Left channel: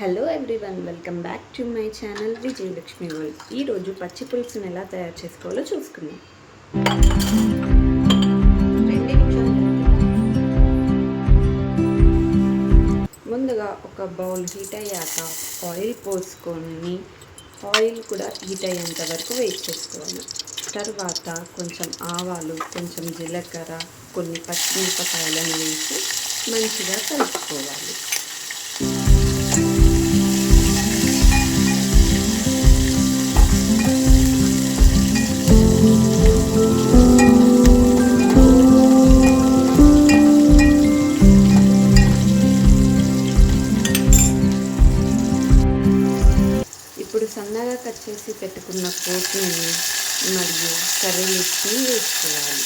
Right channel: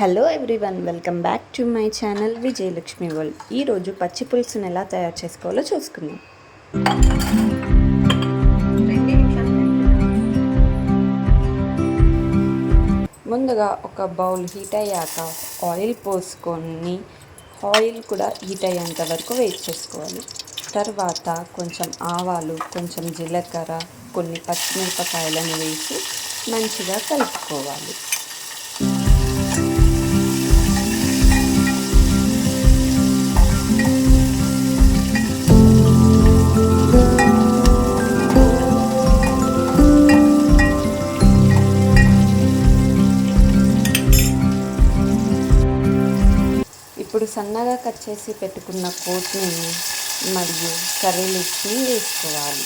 Hello everyone, welcome back to my channel Vijayalakshmi world. ఈరోజు పచ్చి పులుసుని ఎలా తయారు చేసుకోవాలో చూసుకుందాం. ముందుగా ఒక బౌల్ హీట్ అయ్యాక ఆయిల్ పోసుకొని ఆయిల్ కూడా హీట్ అయ్యేంత వరకు వెయిట్ చేసుకోవాలి. తర్వాత కొంచెం ఆవాలు, కొంచెం జీలకర్ర, కొన్ని పచ్చిమిరపకాయలను వేసి మంచిగా కలుపుకోవాలి. ఇప్పుడు సన్నగా కట్ చేసి పెట్టుకున్న కొత్తిమీర మరియు కర్రీ లీవ్స్ని వేసుకోవాలి.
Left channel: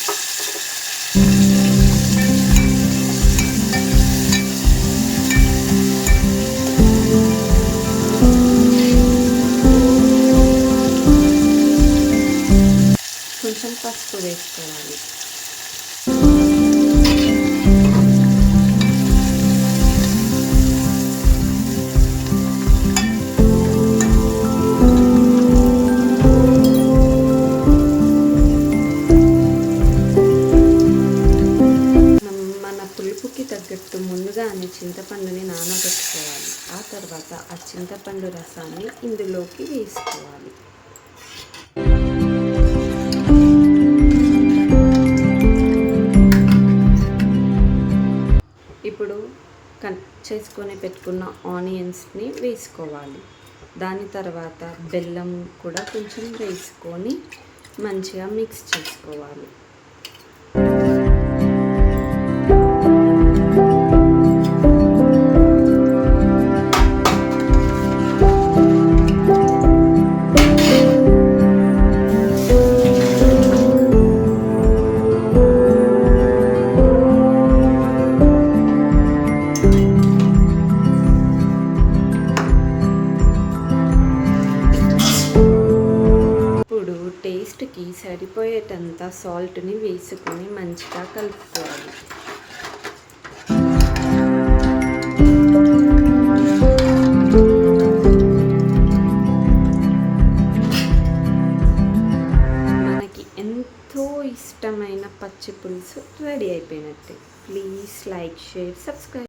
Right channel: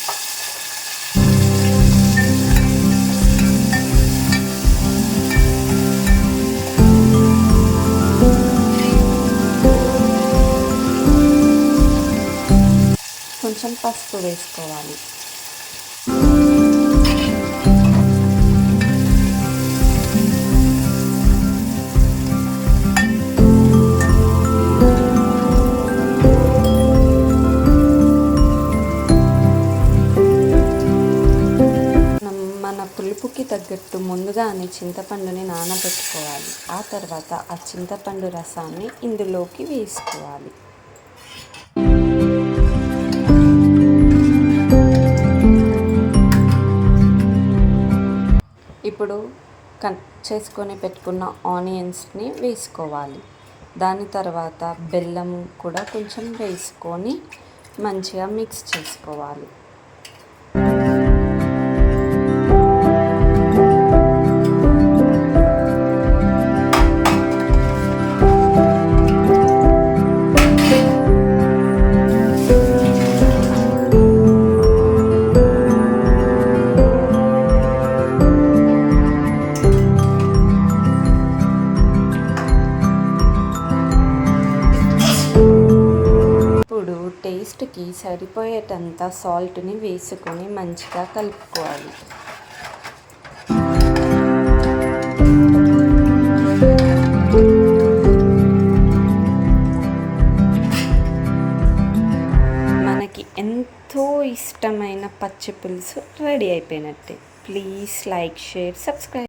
కొంచెం పసుపు వేసుకోవాలి. మన పులుపుకి తగ్గట్టు ముందుగానే చింతపండుని నానబెట్టుకోవాలి. ఆ తర్వాత ఆ చింతపండు రసాన్ని ఇందులోకి వేసుకోవాలి. ఇప్పుడు కట్ చేసుకొని పెట్టుకున్న ఆనియన్స్ని వేసుకోవాలి. దాని తర్వాత బెల్లం కూడా కొంచెం వేసుకొని మంచిగా మిక్స్ చేసుకోవాలి. ఇప్పుడు టేస్ట్కి సరిపోయేటంత సాల్ట్ని వేసుకొని మంచిగా కలుపుకోవాలి. మనకి ఎంతో ఇష్టమైన పచ్చి పులుసు రెడీ అయిపోయినట్టే. Please like, share, subscribe.